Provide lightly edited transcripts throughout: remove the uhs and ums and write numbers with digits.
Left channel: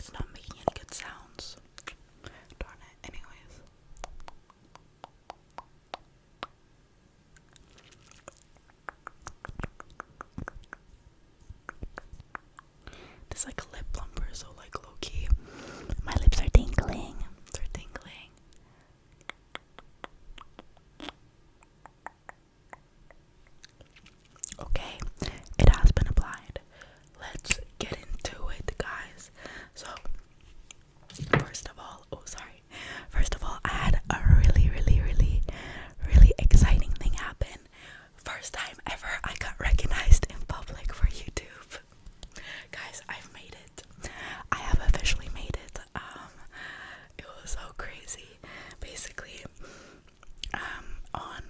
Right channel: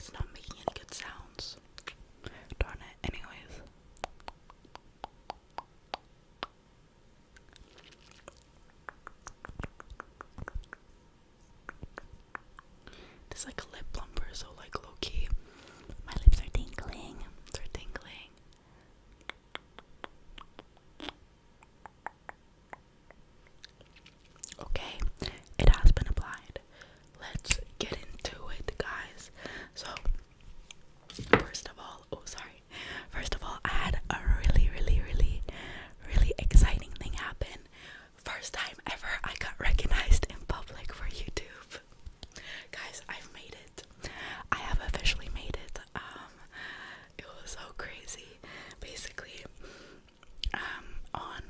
it's not making any good sounds. Darn it. Anyways. This is like a lip plumper, so like low key. My lips are tingling. They're tingling. Okay, it has been applied. Let's get into it, guys. So, first of all, I had a really exciting thing happen. First time ever I got recognized in public for YouTube. Guys, I've made it. I have officially made it. It was so crazy. Basically, on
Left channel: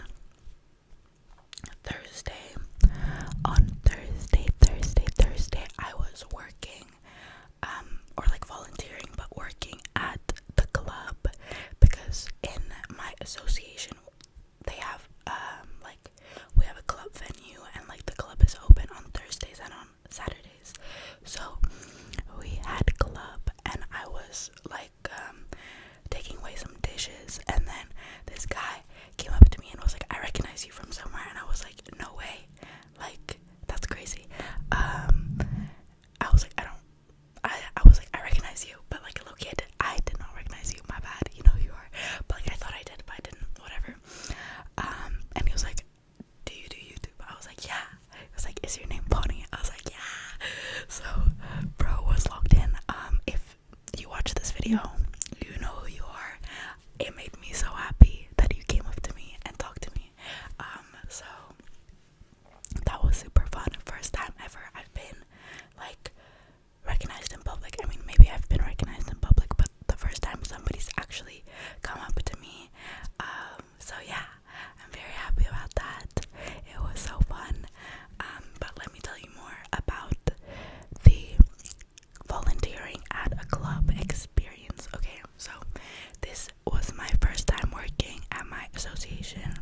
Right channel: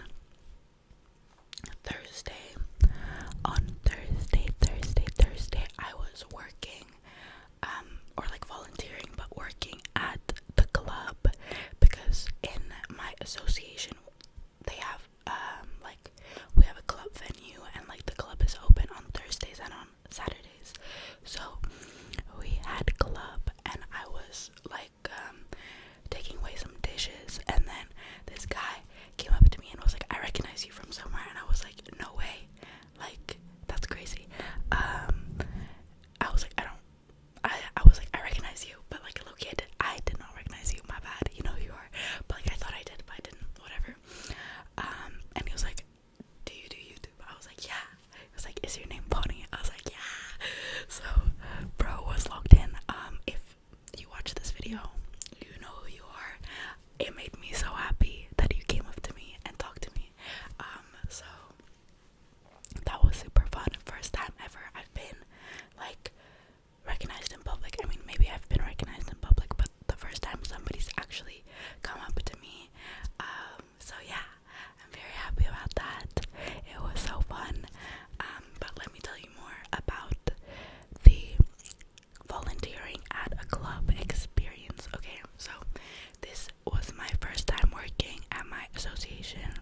Thursday, I was working, or like volunteering, but working at the club, because in my association, they have, we have a club venue, and like the club is open on Thursdays and on Saturdays. So we had club, and I was like, taking away some dishes, and then this guy came up to me and was like, I recognize you from somewhere, and I was like, no way, like, that's crazy. I was like, I was like, I recognize you, but like, low-key, I did not recognize you, my bad, you know who you are, but like, I thought I did, but I didn't, whatever. And he was like, do you do YouTube? I was like, yeah. He was like, is your name Bonnie? I was like, yeah. So, bro was logged in. If you watch this video, you know who you are. It made me so happy that you came up to me and talked to me. So that was super fun. First time ever I've been like recognized in public. I mean, maybe I've been recognized in public, but the first time somebody's actually come up to me. So yeah, I'm very happy about that. It was so fun. But let me tell you more about the volunteering at a club experience. Okay, so this was my first time working at my association.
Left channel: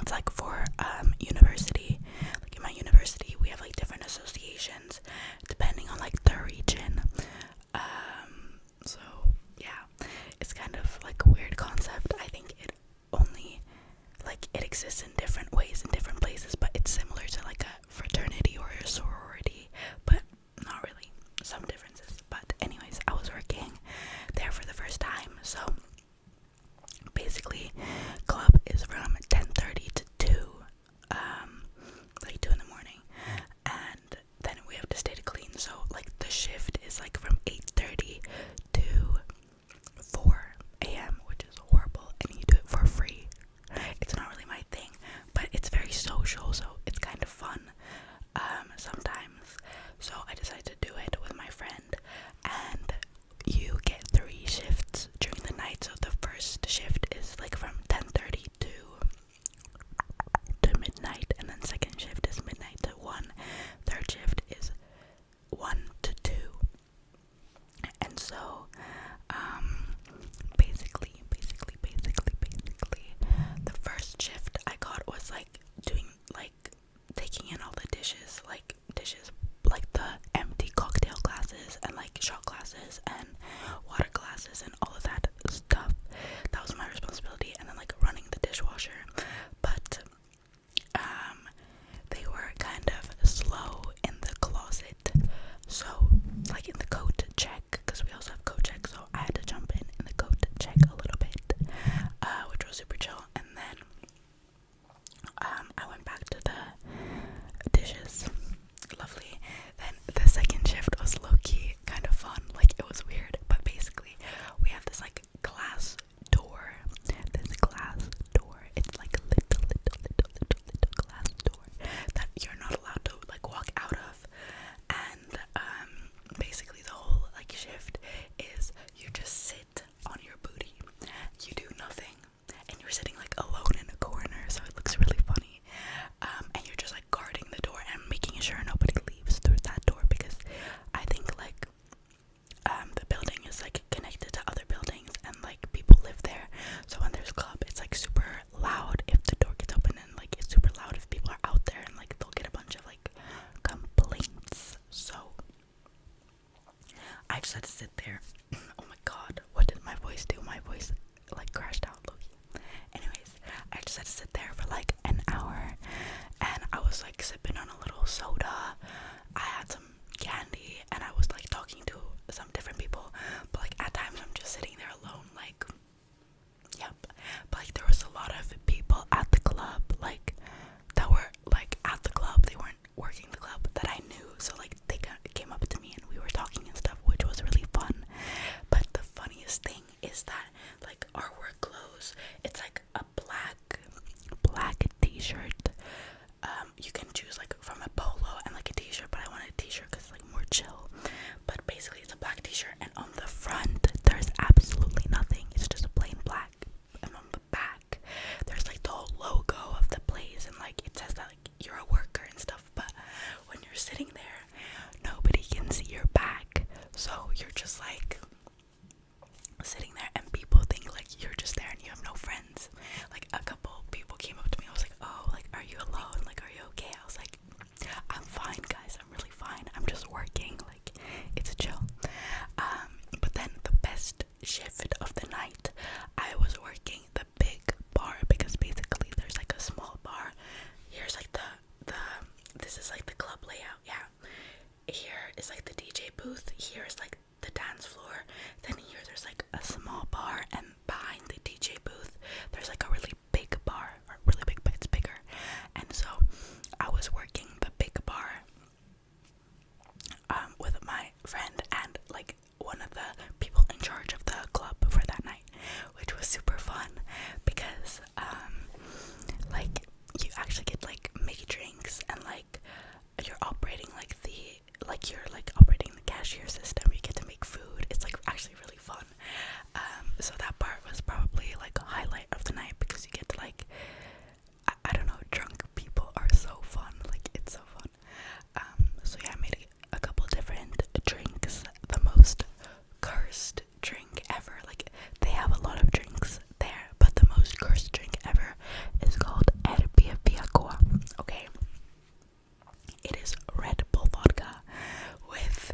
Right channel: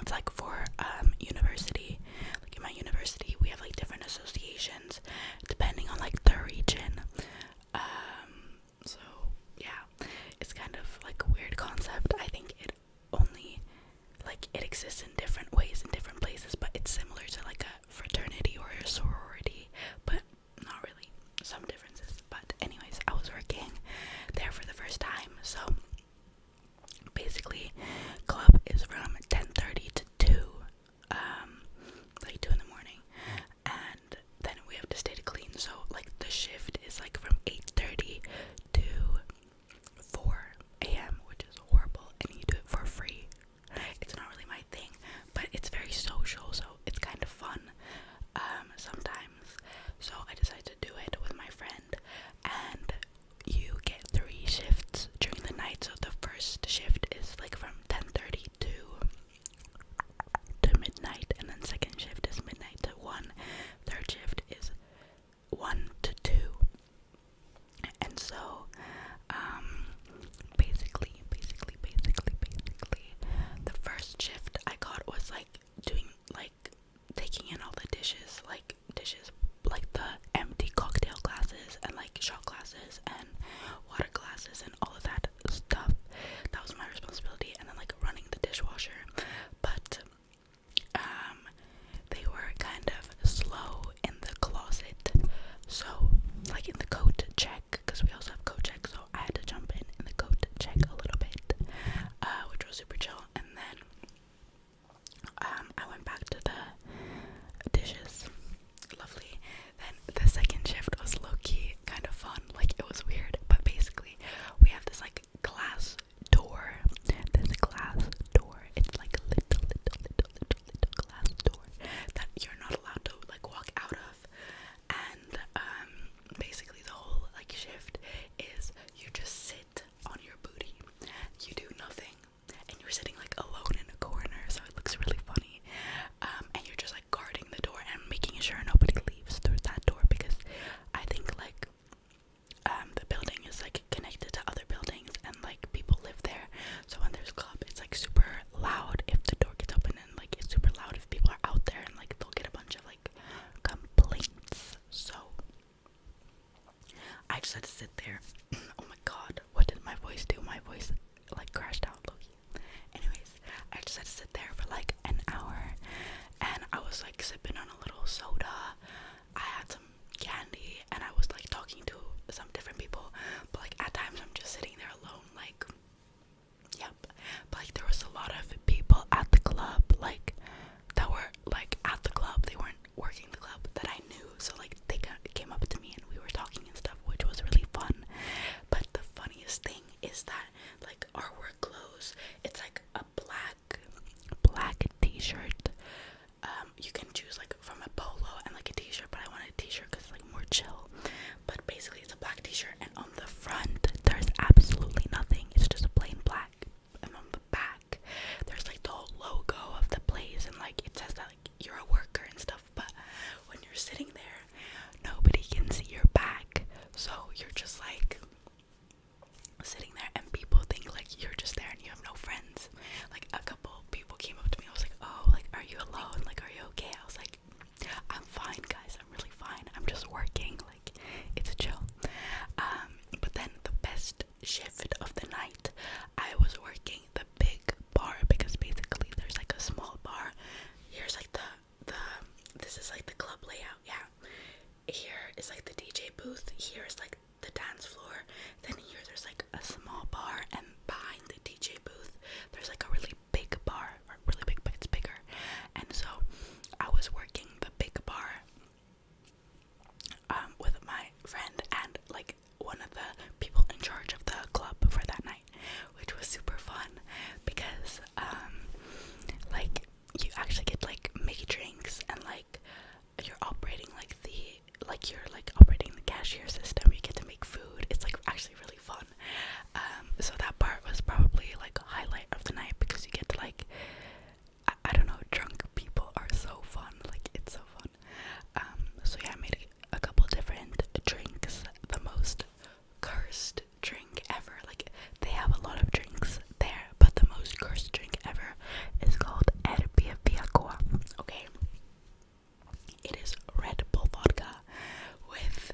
It's like for university. Like in my university, we have like different associations depending on like the region. So yeah, it's kind of like a weird concept. I think it only like it exists in different ways in different places, but it's similar to like a fraternity or a sorority, but not really. Some differences. But anyways, I was working there for the first time. So basically, club is from 10:30 to 2, like 2 in the morning, and then we have to stay to clean. So like the shift is like from 8:30 to 4 a.m., which is horrible, and you do it for free. It's not really my thing, but it's very social, so it's kind of fun sometimes. So I decided to do it with my friend, and you get 3 shifts during the night. So the first shift is like from 10:30 to midnight, and then second shift is midnight to 1. Third shift is 1 to 2. And so basically the first shift I got was like doing like taking in all the dishes like the empty cocktail glasses and like shot glasses and water glasses and all of that stuff. That was my responsibility, and then like running the dishwasher. But they were kind of slow in the closet, so like in the coat check, because we also have coat check, so I had to jump in the coat check a little bit, which was super chill. And then I went back to the dishes. Lovely. Then the second shift was low-key kind of fun. Like, it was weird, but basically we have this like glass door. It's like a little glass door that you're not allowed to like walk out of. And basically the whole like just had to sit there. Oh my god, what did my voice do? My voice like crashed out, Loki. Anyways, I just had to sit there for like an hour, and I was like sipping on a little soda. I had some candy, and I was like talking to some different people, but like at times I'm just sitting there alone, like, yep. But like there was a lot of people at the club, like that were like at the club. They weren't working the club that I knew, so like they came up to me and we were talking and stuff, which was really fun. But the funniest thing is that like our work clothes, it's like a black t-shirt. You can choose like from a polo and like a t-shirt, but I wanted a t-shirt because it's like more chill. But basically it's a black t-shirt, and on the front there's absolutely nothing. It's just a plain black, and on the back there's like the whole logo of the place, and like it says that like you're a worker and stuff. But when you're sitting there, nobody can see your back, so you're just like sitting there, and people think like you're just there and you have no friends. Like a couple people came up to me. I was like, oh, like, are you alone? Like, are you okay? I was like, I'm fine, guys. I'm really fine. I'm just working. Like, it's chill. But then the best shift of the night, I was working the big bar, because basically there's like a small bar. Here's like this is like the club layout. Yeah. Here is like the DJ booth. Here is like the dance floor. Then here there's like a small bar, and behind the DJ booth there's like a really big bar, or really big, but it's bigger. And so I was working the big bar with my friend and like one of the people in charge of the club for that night, which was super fun because like you actually get like make drinks, and like you're operating you're operating the cashier system. You get to make food. It's like actually really fun. So that part was probably like a highlight of the night, because you get to like I don't know, drunk people are so fun. Like it's so fun. So yeah, I made a couple different drinks. The most cursed drink ever. Like they have a lot of drinks there, but the most cursed drink ever is called Erbiapiakoa. Okay. It is Red Bull vodka with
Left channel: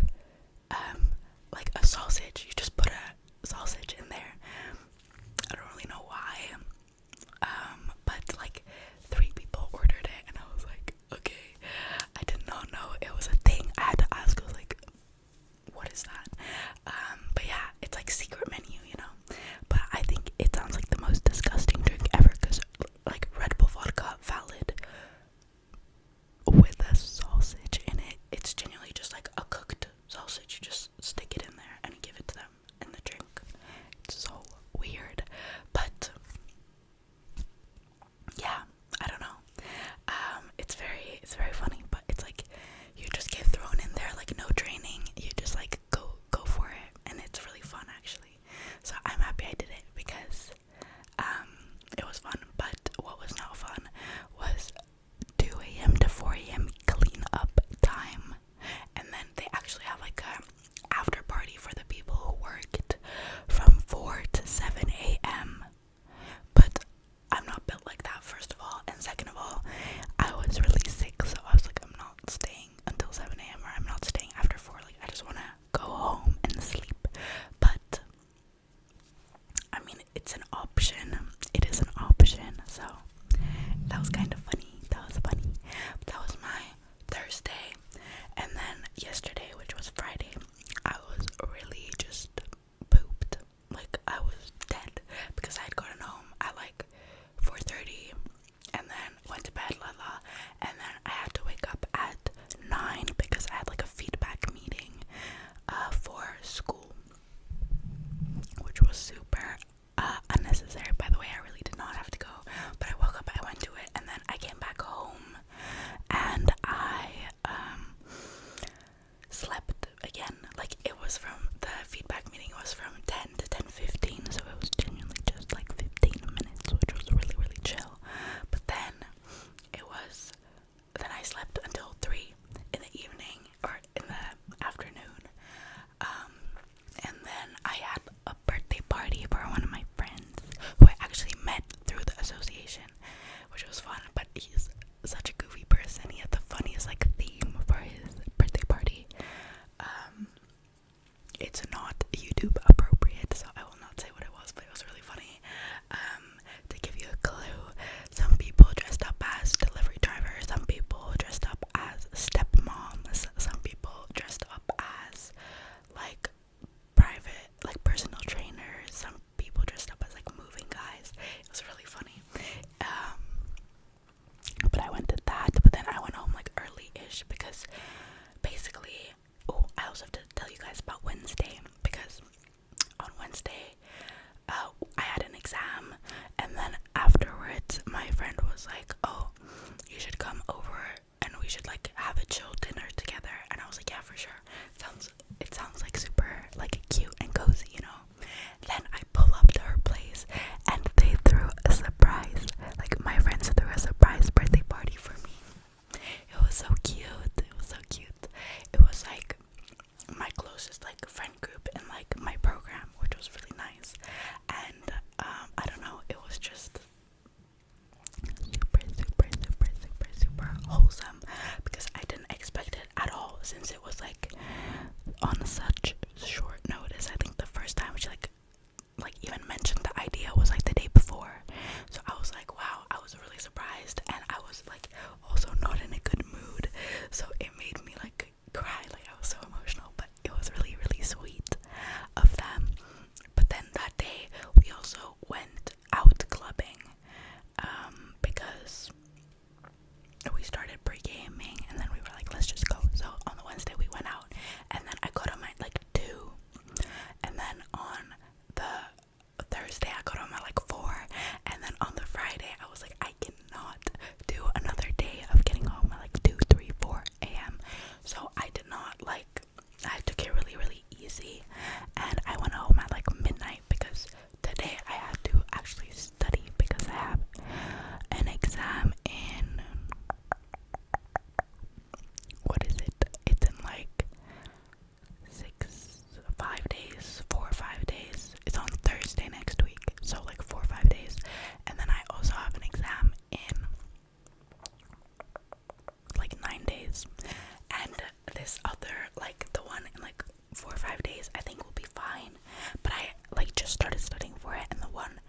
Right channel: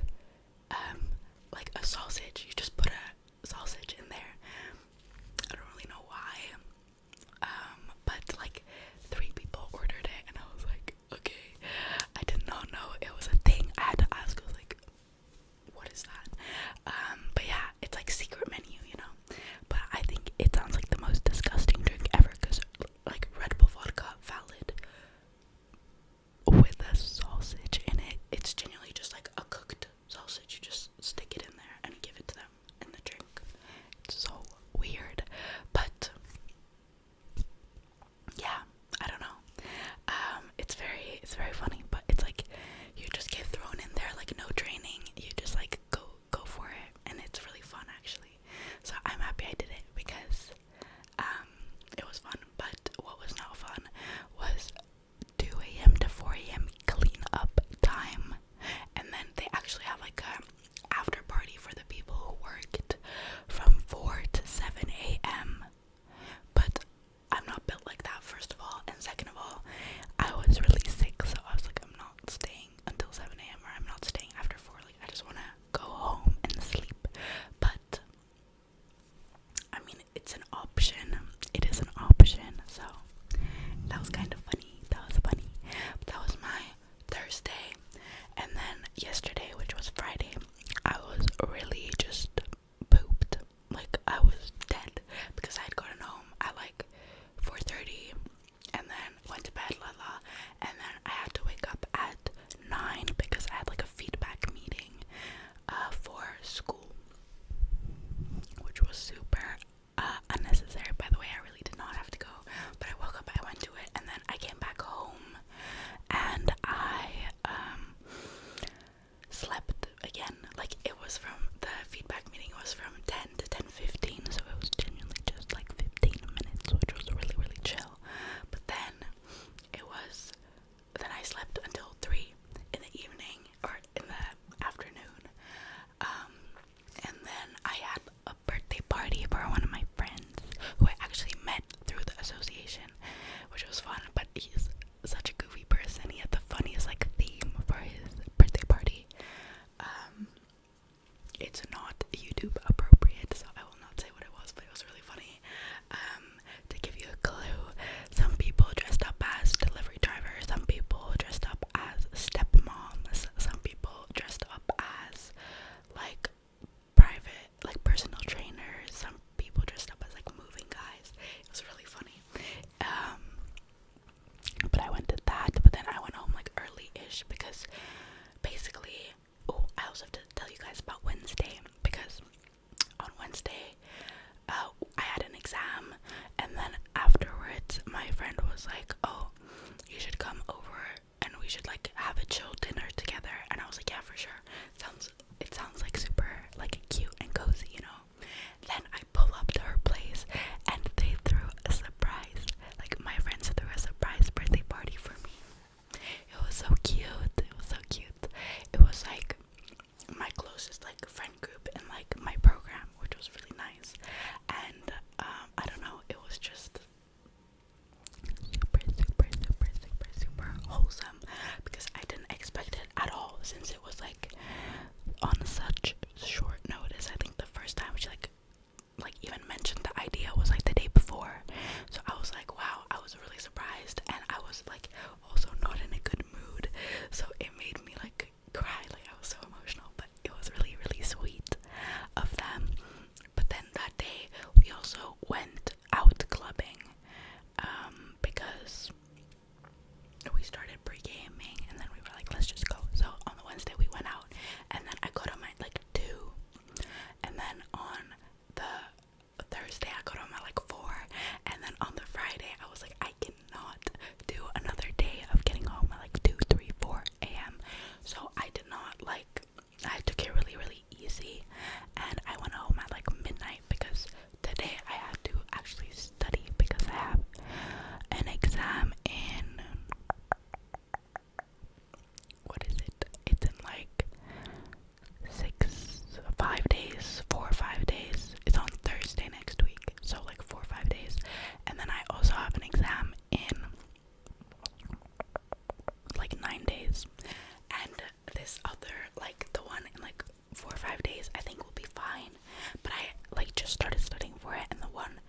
like 4 or 5 days, I think we'll be fine. But I like just started studying for it, and the one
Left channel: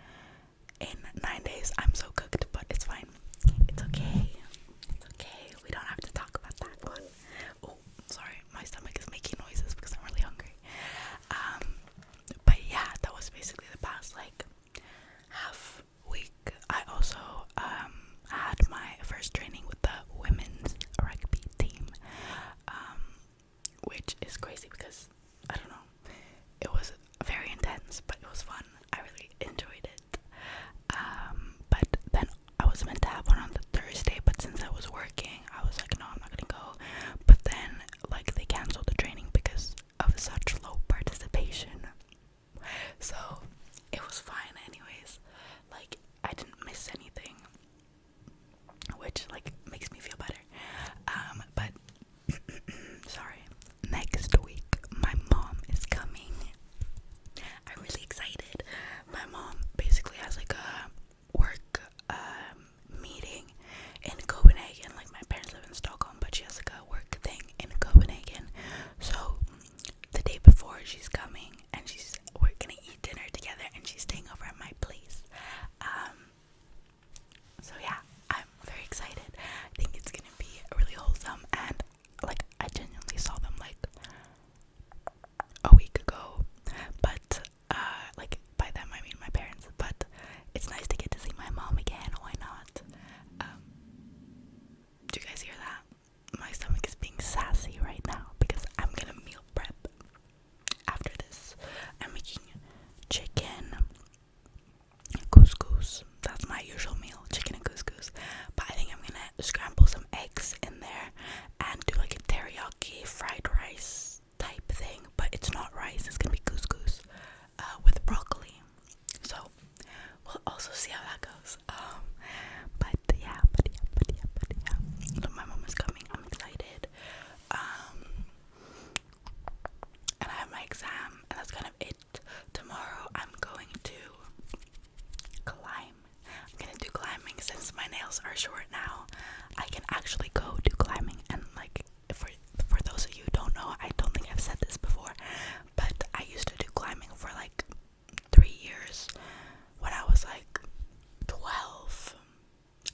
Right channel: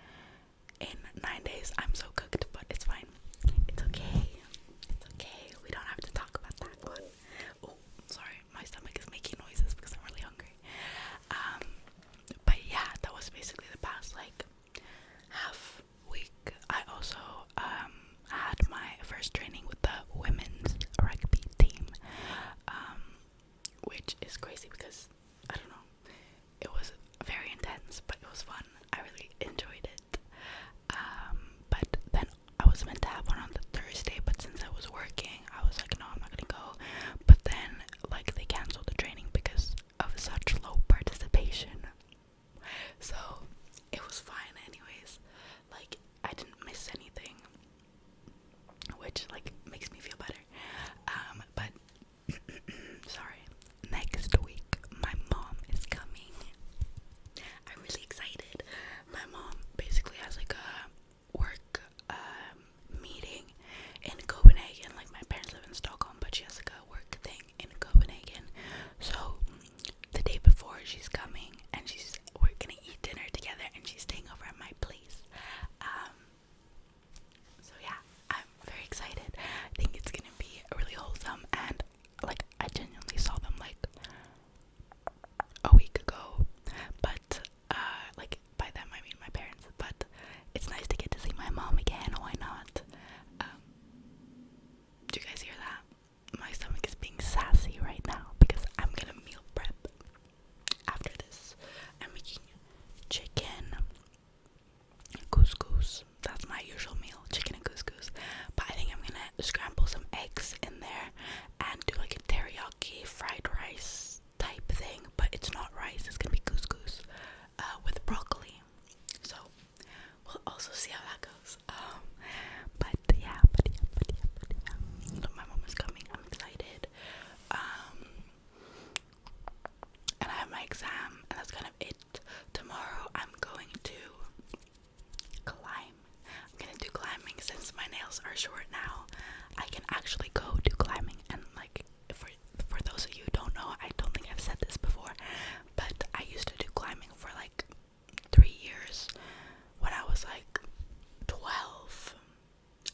in 9 days, I'm so cooked, but it's fine. It's okay. It's okay. We don't have to talk about that one. Oh, sorry, my stomach is making noises because I'm really hungry. But yeah, that was basically the past like half week. I also had my first training with the women's rugby team, which is crazy because I don't know, it was very intense, but it was fun. I really enjoyed it. But then I was meant to have one on the Thursday, but since I was working, I was like, no, I'm not gonna go. But then like they canceled the training because of such low participation. So it was fine anyways. Like I didn't miss anything, which like makes me feel better. But sorry, next week my mom is coming. I'm really excited. My mom basically has like a work meeting in Copenhagen. Like my parents live in Stockholm, but she has like a work thing in Copenhagen. So the day before she's coming, and we're gonna eat dinner together, and she's staying over at my place. So yeah, I'm very excited. I think it's gonna be really wholesome, and like I genuinely saw them like a week ago, but like by them I mean my parents. But it's nice to get to see my mom again. Why not? Do you guys hear that? My stomach is being sassy right now because I'm gonna meal prep after this. I'm making chicken couscous. That's my usual meal, chicken and couscous. But I think I'm gonna scramble some eggs in there and do like a teriyaki fried rice type thing. But it's not rice, it's gonna be couscous with broccoli. So we'll also see how that goes. But yeah. So my mom is coming. I'm excited. And I have my exam, and that's kind of it. Tomorrow I'm going to climb. I'm gonna do climbing since my nails are short now. I can actually go do climbing, and like for those of you who don't know, I don't think I've said this before, but I used to do climbing for like 3 years when I was like 12,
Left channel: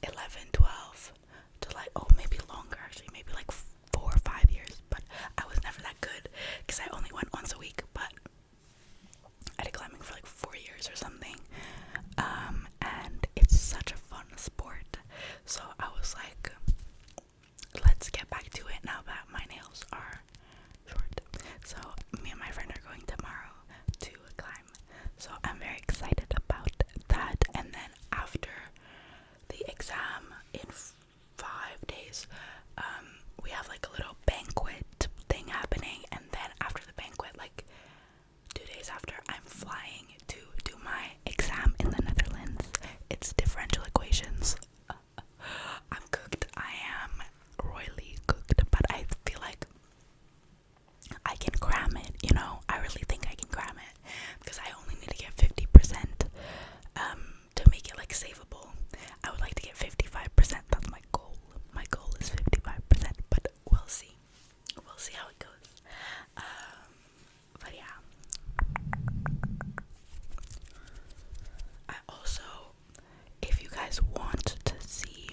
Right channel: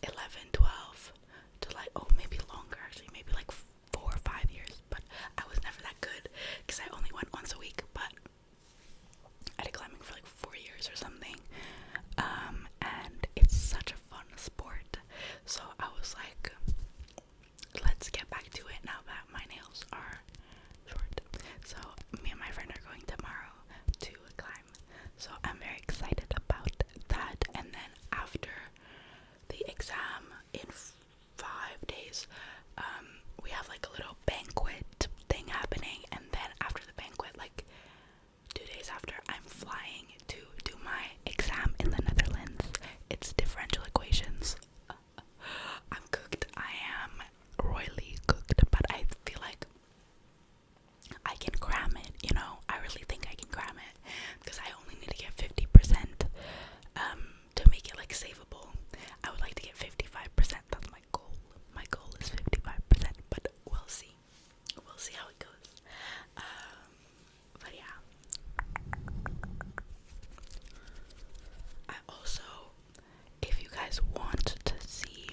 11, 12 to like, oh, maybe longer actually, maybe like 4 or 5 years, but I was never that good because I only went once a week. But I did climbing for like 4 years or something, and it's such a fun sport. So I was like, let's get back to it now that my nails are short. So me and my friend are going tomorrow to climb. So I'm very excited about that. And then after the exam in 5 days, we have like a little banquet thing happening. And then after the banquet, like 2 days after, I'm flying to do my exam in the Netherlands. It's differential equations. I'm cooked. I am royally cooked, but I feel like I can cram it, you know. I really think I can cram it because I only need to get 50% to make it like savable. I would like to get 55%. That's my goal. My goal is 55%, but we'll see. We'll see how it goes. But yeah. I also, if you guys want to see,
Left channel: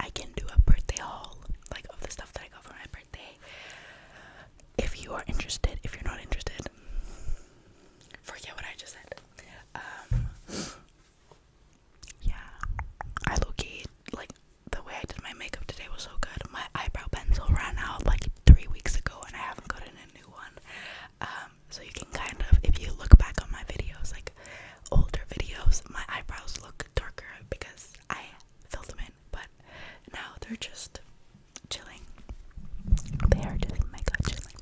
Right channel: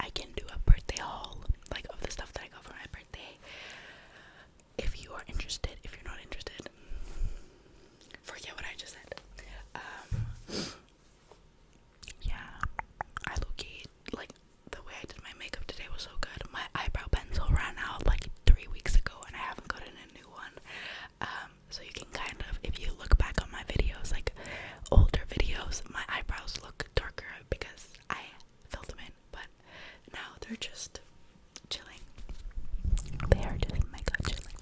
I can do a birthday haul, like of the stuff that I got for my birthday. If you are interested, if you're not interested, forget what I just said. Yeah, I low-key, like, the way I did my makeup today was so good. My eyebrow pencil ran out like 3 weeks ago, and I haven't gotten a new one. So you can kind of, if you look back on my videos, like older videos, my eyebrows look darker because I filled them in, but now they're just chilling. They are just mega chilling.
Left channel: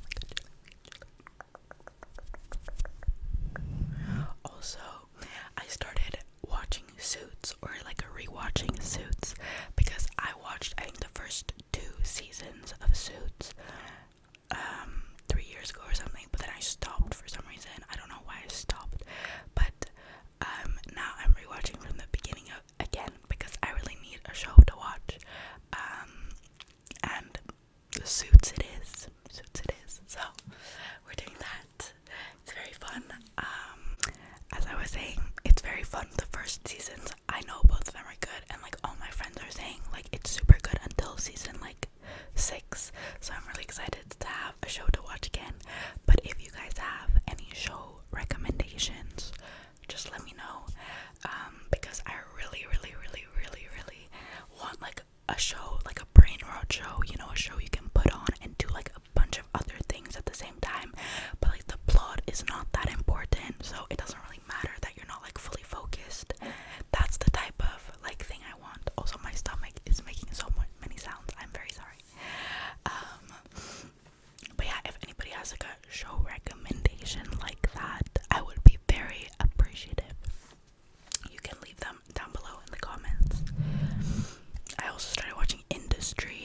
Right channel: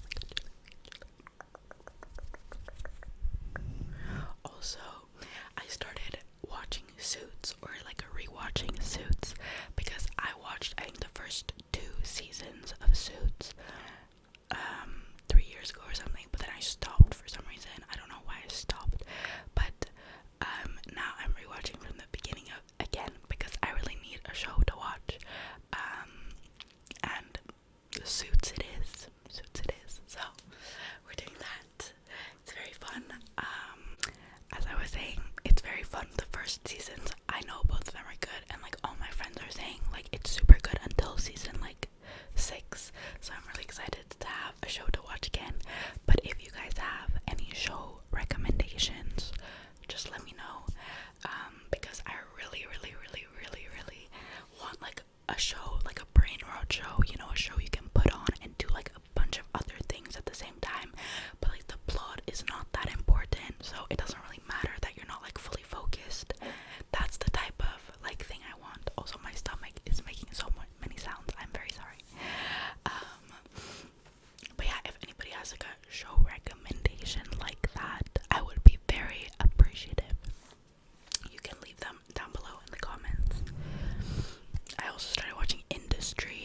is not that important, so it doesn't really matter that you're not like fully focused. That's the type of like thing I want. Also, my stomach is making so many sounds. I'm very sorry. But yeah, if anybody has like a show recommendation like that, I would be very appreciative. You can leave them down below in the comments. I also started watching Industry.